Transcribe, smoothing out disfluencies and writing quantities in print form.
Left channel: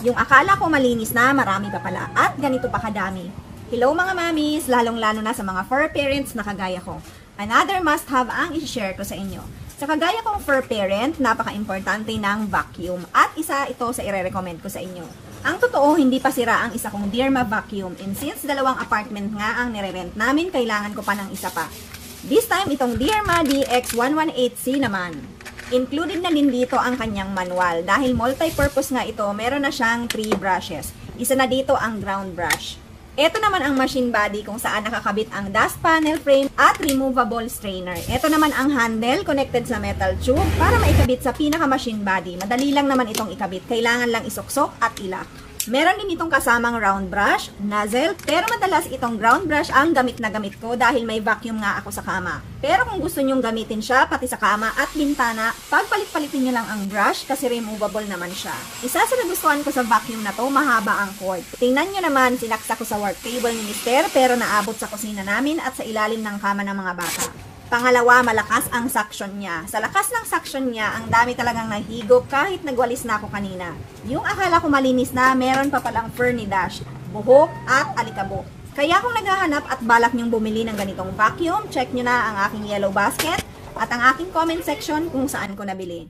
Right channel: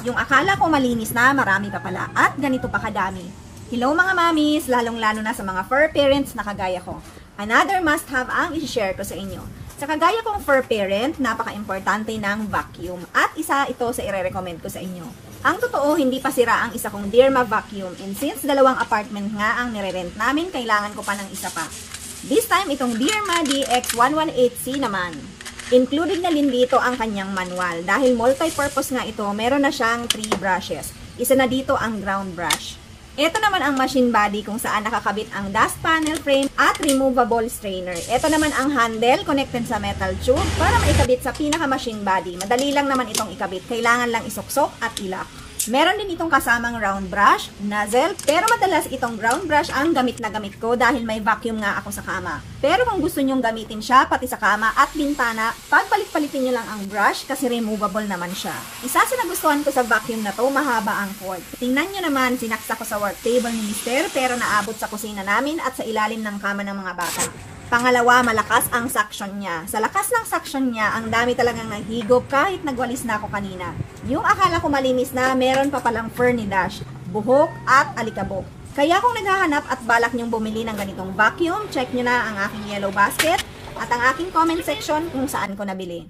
Yung akala ko malinis na, marami pa pala. At ganito pa kadami. Hello mga mamis, lalong-lalo na sa mga fur parents na kagaya ko. Another must-have ang i-share ko sa inyo. Sa kagaya kong fur parent, napaka-importante ng vacuum. At isa ito sa ire-recommend ko sa inyo. Ang totoo, hindi pa sira ang isa kong Dirma vacuum. And since dalawang apartment nga ang nire-rent namin, kailangan ko pa ng isa pa. This time, itong Dirma DX118C naman. Included na din dito ang kanyang manual. Dahil multi-purpose nga ito, meron na siyang 3 brushes. Isa na dito ang ground brush. Ito naman ang machine body kung saan nakakabit ang dust panel frame at removable strainer. Ito naman ang handle connected sa metal tube para maikabit sa pinaka-machine body. Madali lang naman itong ikabit. Kailangan lang isuksok at ilak. Meron din itong kasamang round brush, nozzle, pero madalas itong ground brush ang gamit na gamit ko dahil may vacuum nga ako sa kama. Pero kung gusto nyong gamitin siya pati sa kama at bintana, pagpalit-palitin nyo lang ang brush kasi removable naman siya. Isa sa nagustuhan ko sa vacuum na to, mahaba ang cord. Tingnan nyo naman, sinaksa ko sa work table ni Mister pero naabot sa kusina namin at sa ilalim ng kama ng mga bata. Pangalawa, malakas ang suction niya. Sa lakas ng suction niya, ang dami talagang nahigop kahit nagwalis na ako kanina. Yung akala ko malinis na, meron pa palang fur ni Dash, buhok at alikabok. Kaya kung naghahanap at balak niyong bumili ng ganitong vacuum, check nyo na ang aking yellow basket at ang aking comment section kung saan ko nabili.